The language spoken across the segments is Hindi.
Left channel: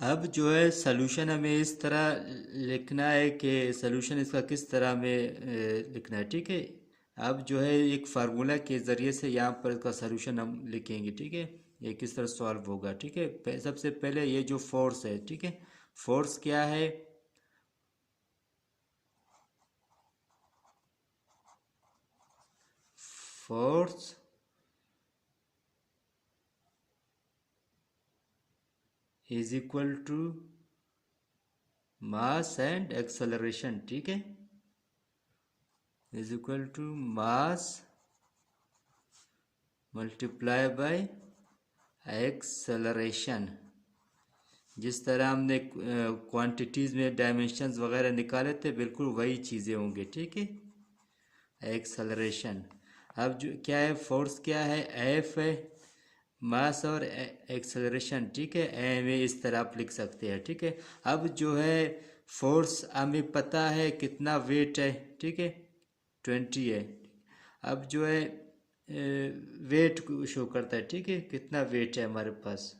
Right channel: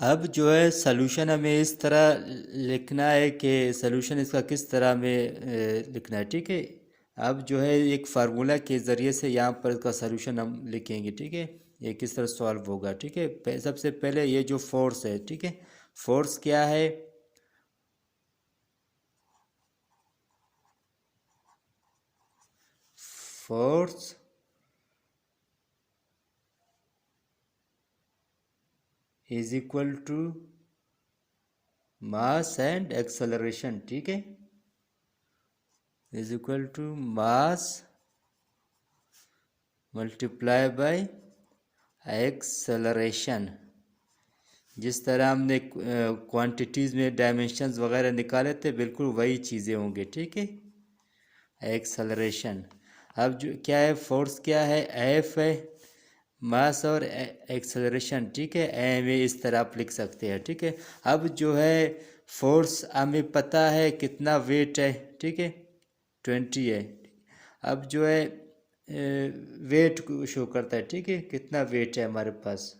अब जो है सॉल्यूशन हमें इस तरह लिखना है कि सॉल्यूशन इसका किस तरह में लिखना है, ठीक है। अब जो है एक फार्मूला के ज़रिए से यहाँ पर इसका सॉल्यूशन हम लिखेंगे, ठीक है। ये किस तरह सॉल्व होगा, ठीक है। सबसे पहले ये जो फोर्स है, ठीक है, फोर्स क्या है, force is equal to mass and acceleration, ठीक है, is equal to mass multiply by acceleration. जिस तरह हमने क्वांटिटीज़ में डायमेंशंस वगैरह निकाले थे, बिल्कुल वही चीज़ें होंगे, ठीक है। एक्सेलरेशन, अब जो क्या है, फोर्स क्या है, एफ है, मास और एक्सेलरेशन, ठीक है। एम ए इस तरह आप लिख सकते हैं, ठीक है। अब जो है फोर्स हमें पता है कितना वेट है, ठीक है, 20 है। अब जो है वेट को शो करता है, ठीक है, कितना वेट है हमारे पास,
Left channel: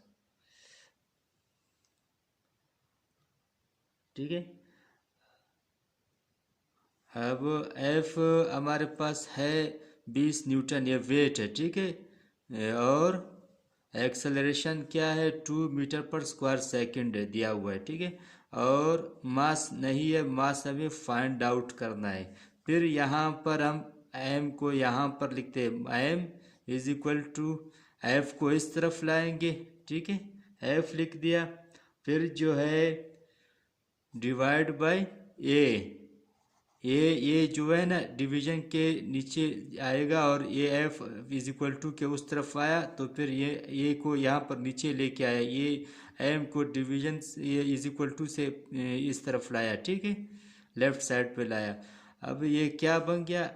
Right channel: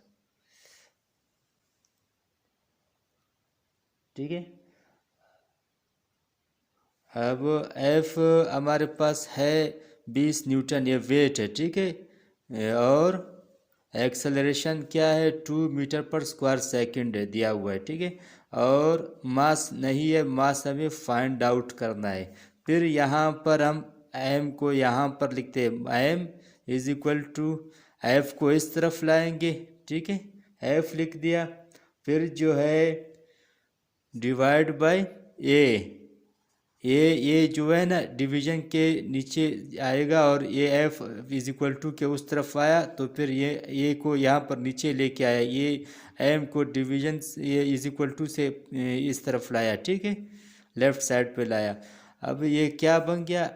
ठीक है। अब एफ हमारे पास है 20 न्यूटन, ये वेट है, ठीक है। और एक्सेलरेशन क्या है, 2 मीटर पर स्क्वायर सेकंड है, दिया हुआ है, ठीक है। और मास नहीं है, मास हमें फाइंड आउट करना है। फिर यहाँ पर हम एम को यहाँ पर लिखते हैं, M is equal to, F को इस तरफ लाएंगे, ठीक है, एफ लिख दिया। फिर जो है डिवाइड बाय ए, ये जो है ना डिवीजन के नीचे आएगा, और ये एफ इज इक्वल टू के उस तरफ आया, तो फिर ये को यहाँ पर नीचे लेके आया, ये एम को डिवीजन ये इज इक्वल टू से इस तरफ लाया, ठीक है, लेफ्ट साइड पे लाया। अब ये क्या बन गया,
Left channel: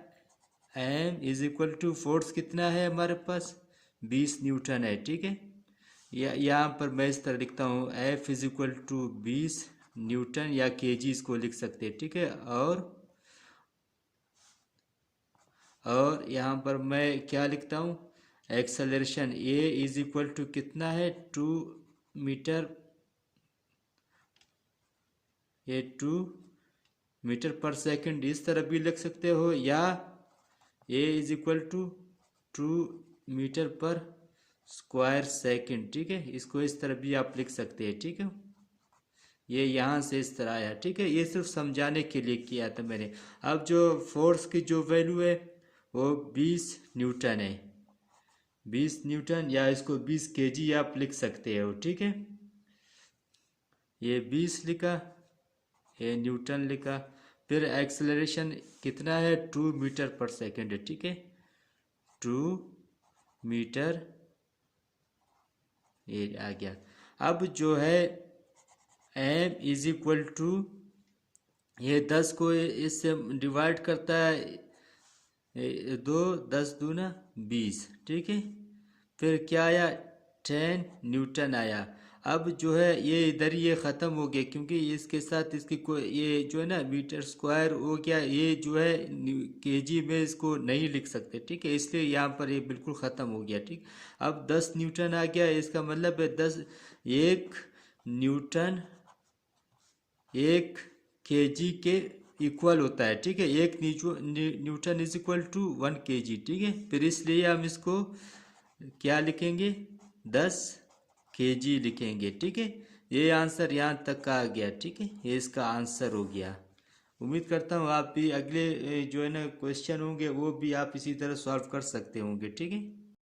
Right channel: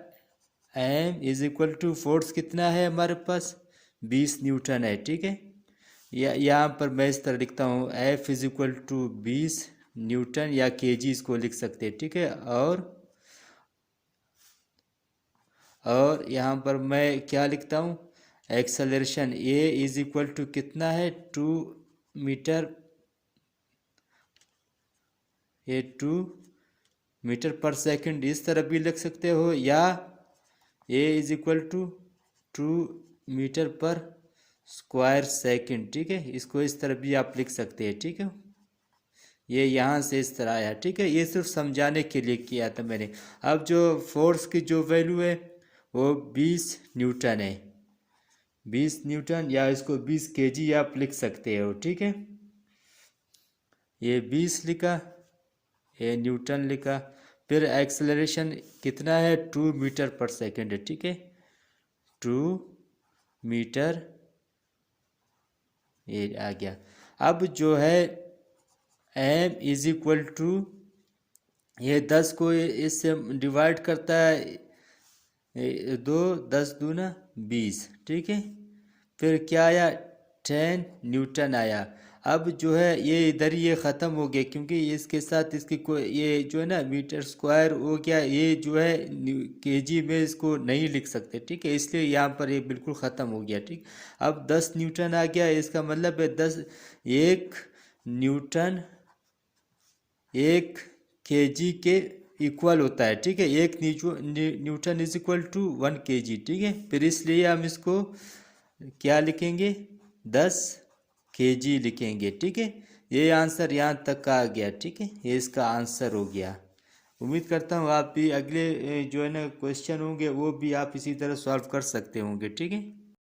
M is equal to force कितना है हमारे पास, 20 न्यूटन है, ठीक है। यहाँ पर मैं इस तरह लिखता हूँ, F is equal to 20 newton या केजी इसको लिख सकते हैं, ठीक है। और यहाँ पर मैं क्या लिखता हूँ, acceleration a is equal to कितना है, 2 मीटर, ये 2 मीटर पर सेकंड इस तरह भी लिख सकते हो, या ए इज इक्वल टू 2 मीटर पर स्क्वायर सेकंड, ठीक है, इसको इस तरह भी आप लिख सकते हैं, ठीक है। ये यहाँ से इस तरह आया, ठीक है, ये सिर्फ समझाने के लिए किया था मैंने। अब जो फोर्स की जो वैल्यू है वो 20 न्यूटन है, 20 न्यूटन, या इसको 20 केजी आप लिख सकते हो, ठीक है। ये 20 लिखा, ये न्यूटन लिखा। फिर एक्सेलरेशन कितना है, 2 मीटर पर सेकंड है, ठीक है, 2 मीटर, ये आ गया। अब जो है एम इज इक्वल टू, ये 10 को इससे डिवाइड करता है, 2 10 दूना 20, ठीक है। फिर क्या आया, 10 न्यूटन आया। अब जो है ये इधर ये ख़त्म हो गया, क्योंकि इसके साथ इसकी कोई ये जो है ना मीटर स्क्वायर हो गया, ये जो है केजी में इसको नहीं लिख सकते, ठीक है, इसलिए यहाँ पर ये बिल्कुल ख़त्म हो गया, ठीक। अब 10 न्यूटन आ गया, इसका मतलब है 10, 1 न्यूटन 1 केजी के इक्वल होता है, ठीक है, 1 newton is equal to 1 KG, ठीक है। फिर इसलिए हम इसको क्या लिखेंगे, 10 केजी लिखेंगे, ठीक है। ये आंसर यहाँ तक का आ गया, ठीक है, ये इसका आंसर हो गया। उम्मीद करता हूँ आप भी अगले जो है ना क्वेश्चन होंगे वो भी आप इसी तरह सॉल्व कर सकते होंगे, ठीक है।